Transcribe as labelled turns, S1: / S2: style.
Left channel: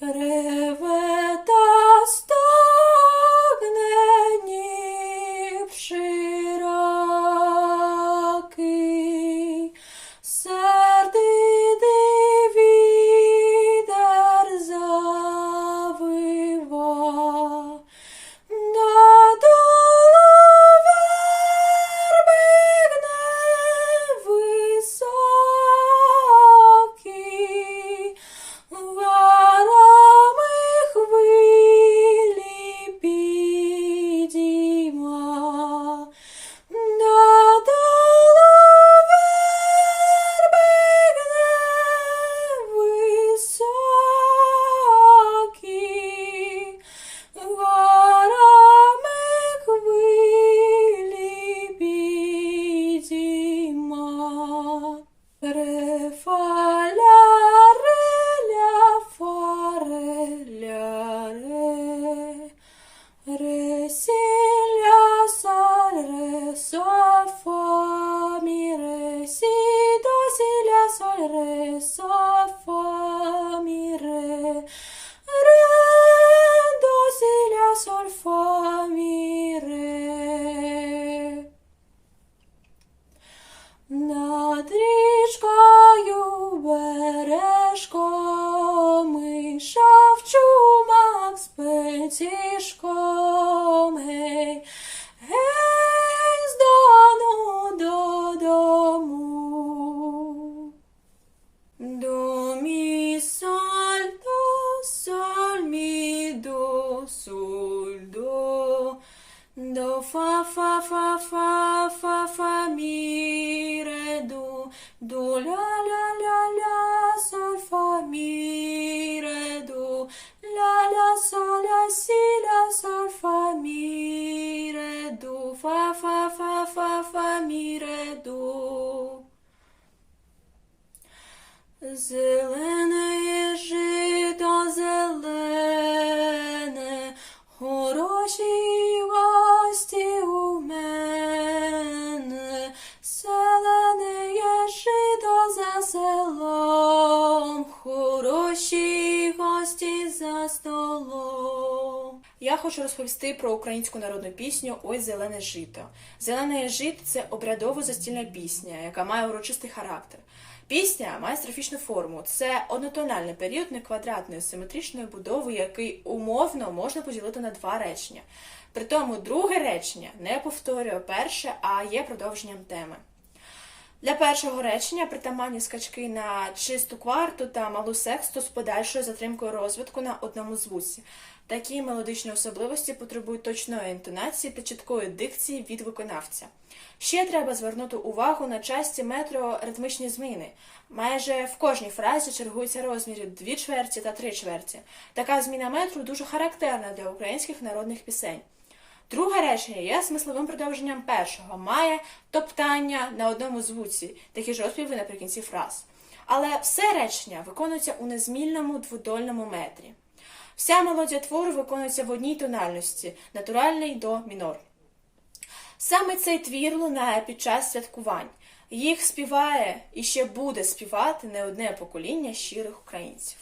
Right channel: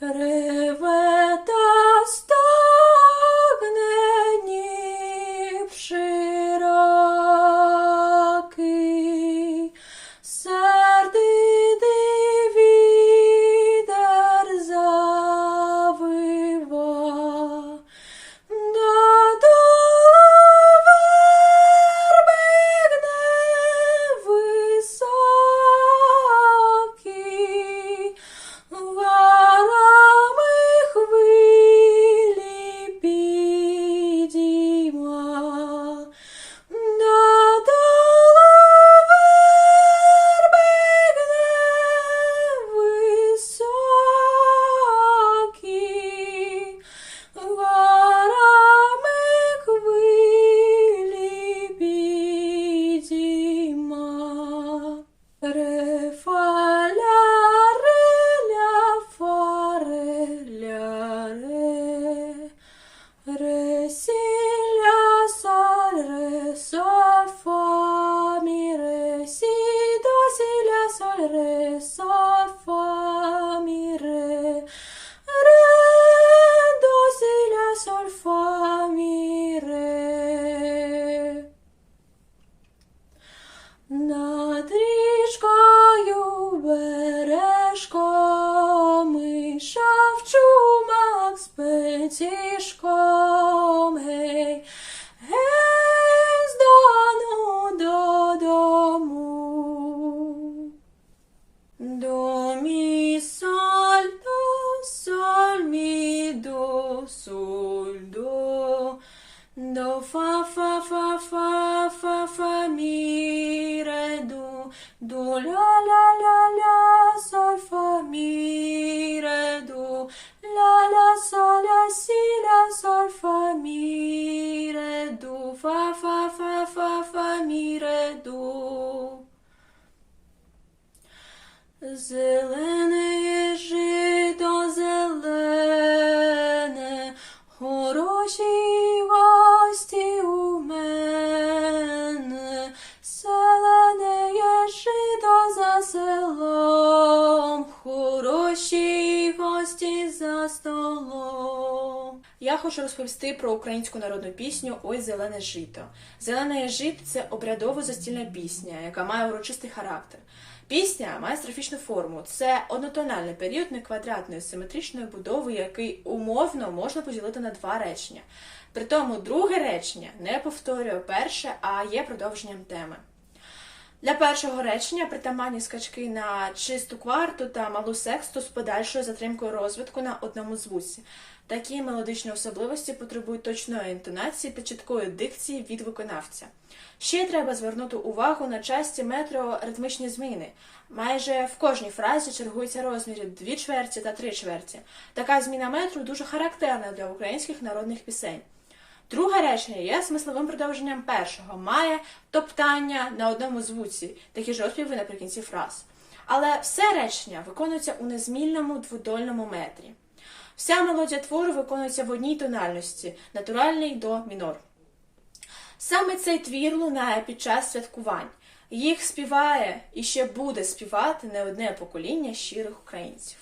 S1: Re sol re so fa mi re до, соль, до. До фа фа фа фа фа фа мі ре до до ля ля ля ля соль фа мі ре до ля ля соль ля сі ля соль фа мі ре до фа фа фа фа фа мі ре до Зелене селом, хороші гості за столом. Я хочу розповісти про українську народну пісню Ой зелене жито. Зелене жито це обрядово застільна пісня, яка має урочистий характер. Пісня має строфічну форму. Це однотональний період неквадратної симетричної будови, який умовно можна поділити на два речення. Притому друге речення не повторює перше, а є продовженням теми. Для першого речення притаманні скачки на чисту кварту та малу сексту з подальшою затримкою розвитку на одному звуці. Такі мелодичні особливості потребують точної інтонації та чіткої дикції від виконавця. Ще треба звернути увагу на часті метро-ритмічні зміни. Майже в кожній фразі чергуються розміри дві чверті та три чверті. Така зміна метру дуже характерна для українських народних пісень. Друге речення є смисловим продовженням першого, має топтання на одному звуці, такі ж розпіви наприкінці фраз. Але все речення виконується у незмільному дводольному метрі. Вся мелодія твору виконується в одній тональності натуральний до мінор. Саме цей твір лунає під час святкувань. Їх співає і ще буде співати не одне покоління щирих українців.